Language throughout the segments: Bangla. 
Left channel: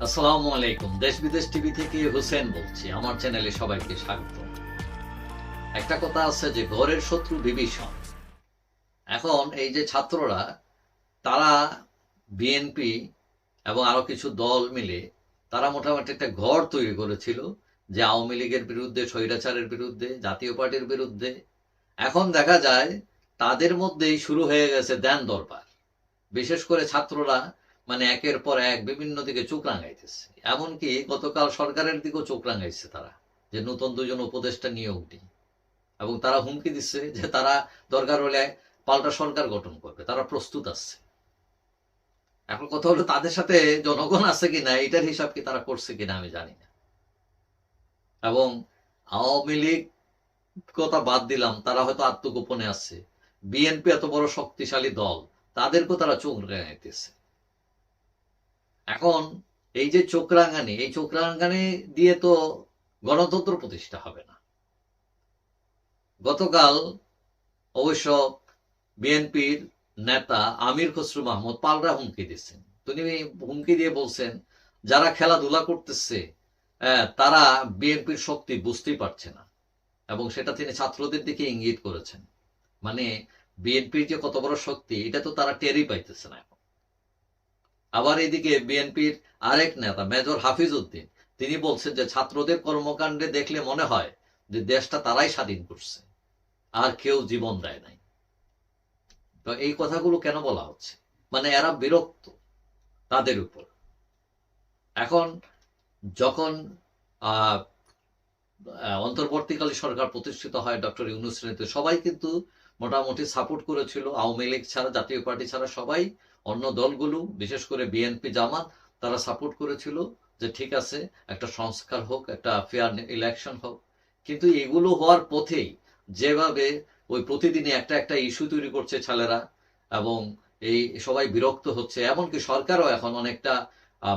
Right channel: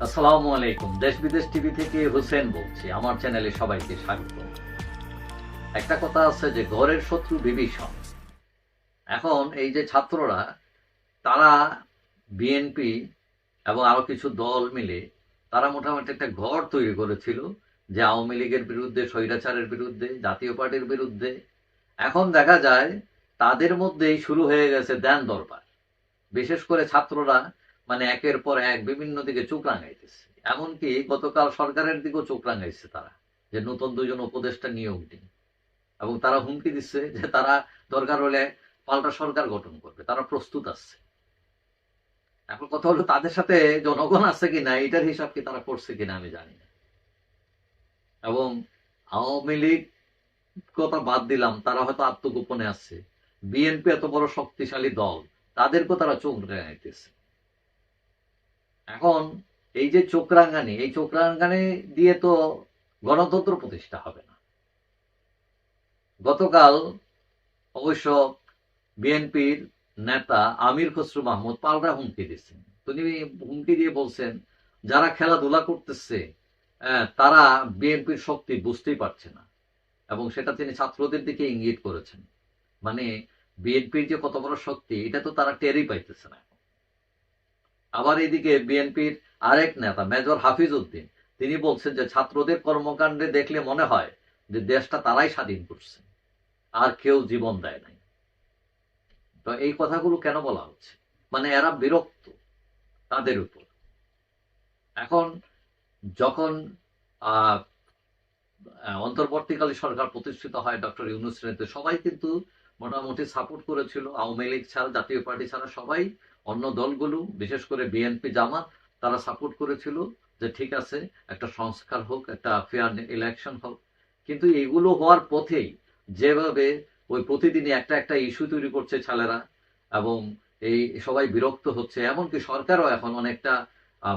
আসসালামু আলাইকুম। দেশ বিদেশ টিভি থেকে হোসেন বলছি। আমার চ্যানেলে সবাইকে স্বাগত। একটা কথা আছে যে, ঘরের শত্রু বিভীষণ। এখন এই যে ছাত্ররা, তারা বিএনপি এবং আরও কিছু দল মিলে, তারা মোটামুটি একটা ঘর তৈরি করেছিল যে আওয়ামী লীগের বিরুদ্ধে, স্বৈরাচারের বিরুদ্ধে, জাতীয় পার্টির বিরুদ্ধে। এখন দেখা যায়, তাদের মধ্যেই শুরু হয়ে গেছে দেন দরবার। বিশেষ করে ছাত্ররা মানে একের পর এক বিভিন্ন দিকে চোখ রাঙাইতেছে। এমনকি গতকাল সরকারের দিকেও চোখ রাঙাইছে তারা, যে নতুন দুজন উপদেষ্টা নিয়োগ দিন এবং তারা হুমকি দিচ্ছে যে তারা দরকার হলে পাল্টা সরকার গঠন করবে। তারা প্রস্তুত আছে। এখন কথা হলো তাদের সাথে জনগণ আছে কিনা, এটার হিসাব কি তারা করছে কিনা আমি জানি না। এবং আওয়ামী লীগ কথা বাদ দিলাম, তারা হয়তো আত্মগোপনে আছে। বিএনপি এত বড় শক্তিশালী দল, তাদেরকেও তারা চোখ রাঙাইতেছে। এখন এই যে চোখরাঙ্গানি এই চোখরাঙ্গানি দিয়ে তো গণতন্ত্র প্রতিষ্ঠা হবে না। গতকাল অবশ্য বিএনপির নেতা আমির খসরু মাহমুদ পাল্টা হুমকি দিচ্ছেন তিনি হুমকি দিয়ে বলছেন যারা খেলাধুলা করতেছে আহ, তারা বিএনপির শক্তি বুঝতেই পারছে না। এবং সেটা তিনি ছাত্রদের দিকে ইঙ্গিত করেছেন। মানে বিএনপির যে কত বড় শক্তি এটা তো তারা টেরই পাইতেছে না আবার এদিকে বিএনপির আরেক নেতা, মেজর হাফিজ উদ্দিন তিনি বলছেন যে ছাত্রদের কর্মকাণ্ডে দেখলে মনে হয় যে দেশটা তারাই স্বাধীন করছে। আর কেউ জীবন দেয় নাই। তো এই কথাগুলো কেন বলা হচ্ছে? মানে এরা বিরক্ত তাদের উপর। এখন যখন অন্তর্বর্তীকালীন সরকার প্রতিষ্ঠিত হয় ডক্টর ইউনুস সবাই কিন্তু মোটামুটি সাপোর্ট করেছিল। আওয়ামী লীগ ছাড়া, জাতীয় পার্টি ছাড়া সবাই অন্য দলগুলো, বিশেষ করে বিএনপি জামাত, তারা সাপোর্ট করেছিল যে ঠিক আছে, একটা সংস্কার হোক, একটা ফেয়ার ইলেকশন হোক। কিন্তু এগুলো হওয়ার পথেই যেভাবে ওই প্রতিদিনই একটা একটা ইস্যু তৈরি করছে ছেলেরা এবং এই সবাই বিরক্ত হচ্ছে, এমনকি সরকারও এখন অনেকটা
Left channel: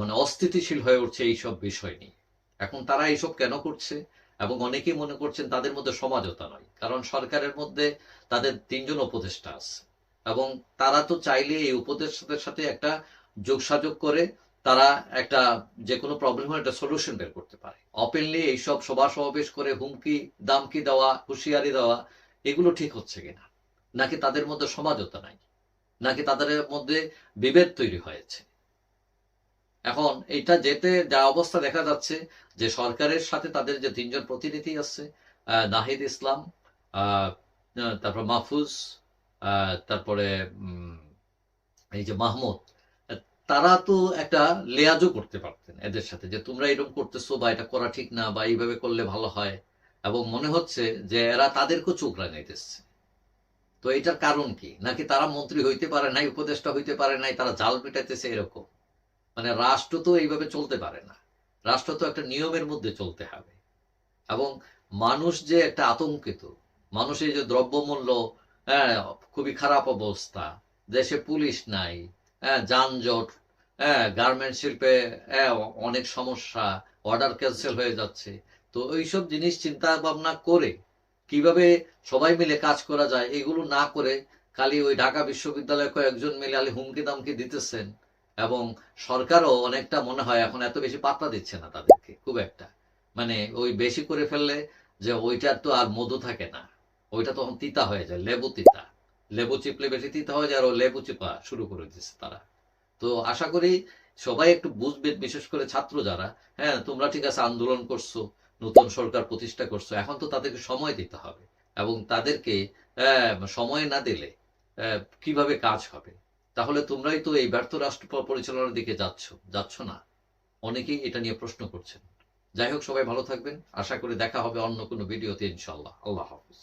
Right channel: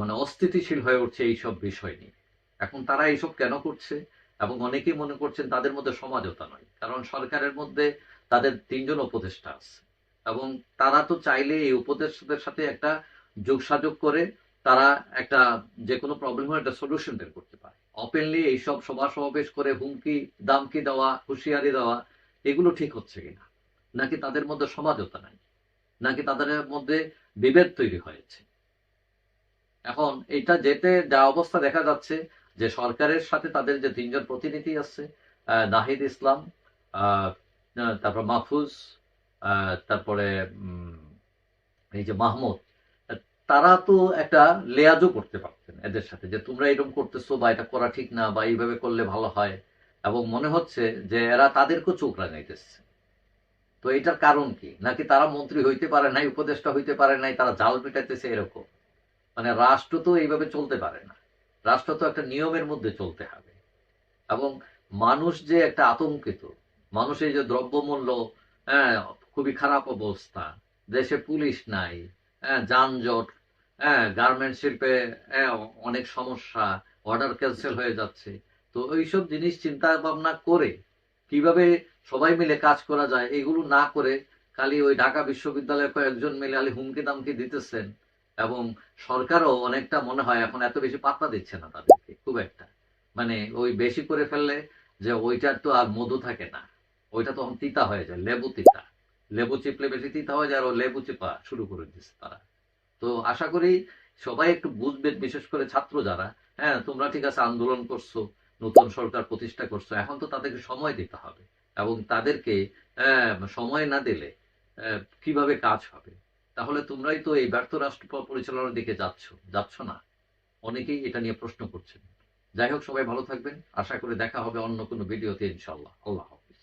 মানে অস্থিতিশীল হয়ে উঠছে এইসব বিষয় নিয়ে। এখন তারা এইসব কেন করছে? এবং অনেকেই মনে করছেন তাদের মধ্যে সমাজতা নয়, কারণ সরকারের মধ্যে তাদের তিনজন উপদেষ্টা আছে। এবং তারা তো চাইলে এই উপদেষ্টাদের সাথে একটা যোগসাযোগ করে তারা একটা যে কোনো প্রবলেম হলে একটা সলিউশন বের করতে পারে। ওপেনলি এইসব সভা সমাবেশ করে হুমকি, দামকি দেওয়া, হুঁশিয়ারি দেওয়া, এগুলো ঠিক হচ্ছে কিনা? নাকি তাদের মধ্যে সমাজতা নাই? নাকি তাদের মধ্যে বিভেদ তৈরি হয়েছে? এখন এটা যেতে যা অবস্থা দেখা যাচ্ছে যে সরকারের সাথে তাদের যে তিনজন প্রতিনিধি আছে নাহিদ ইসলাম তারপর মাহফুজ তারপরে এই যে মাহমুদ, তারা তো একটা লেয়াজও করতে পারতেন এদের সাথে, যে তোমরা এরকম করতেছো বা এটা করা ঠিক না বা এইভাবে করলে ভালো হয়। এবং মনে হচ্ছে যে এরা তাদেরকেও চোখ রাঙাইতেছে। তো এটার কারণ কি? নাকি তারা মন্ত্রী হইতে পারে নাই, উপদেষ্টা হইতে পারে নাই, তারা জাল মেটাইতেছে এরকম? মানে রাষ্ট্র তো এইভাবে চলতে পারে না। রাষ্ট্র তো একটা নিয়মের মধ্যে চলতে হবে। এবং মানুষ যে একটা আতঙ্কিত, মানুষের যে দ্রব্যমূল্য হ্যাঁ খুবই খারাপ অবস্থা। দেশে পুলিশ নাই হ্যাঁ যানজট হ্যাঁ গার্মেন্ট শিল্পে হ্যাঁ, অনেক সমস্যা অর্ডার ক্যান্সেল হয়ে যাচ্ছে। তো এইসব জিনিস চিন্তা ভাবনা করে কীভাবে সবাই মিলে কাজ করা যায় এগুলো না করে খালি ওই ঢাকা বিশ্ববিদ্যালয়ে কয়েকজন মিলে আলি হুমকি দামকি দিতেছেন এবং সরকারও অনেকটা মনে হয় এখন এত বেশি পাত্তা দিচ্ছে না তাদেরকে খুব একটা। মানে ওই বেশি করে ফেললে যে ওইটার তো আর মধু থাকে না। ওইটা তখন তিতা হয়ে যায়, লেবু তিতা। লেবু চিপলে বেশি তিতা হয়ে যায় আর লেবু চিপা শুরু করে দিচ্ছে তারা। তো আশা করি সবাই একটু বুঝবেন, বিশেষ করে ছাত্র যারা হ্যাঁ তোমরা ঠিক আছে আন্দোলন করছ, নতুন সরকার প্রতিষ্ঠা করছ, এখন তো তাদেরকে সময় দিতে হবে এবং তাদেরকে সময় না দিলে কীভাবে কাজ হবে? তাহলে তোমরাই তো এই ব্যর্থ রাষ্ট্র পরিচালনার দিকে যাচ্ছ যাচ্ছ না। অনেকেই এটা নিয়ে প্রশ্ন করছেন। যাই হোক, সবাই ভালো থাকবেন। আশা করি দেখা হবে অন্য কোনো ভিডিওতে ইনশাল্লাহ আল্লাহ হাফিজ।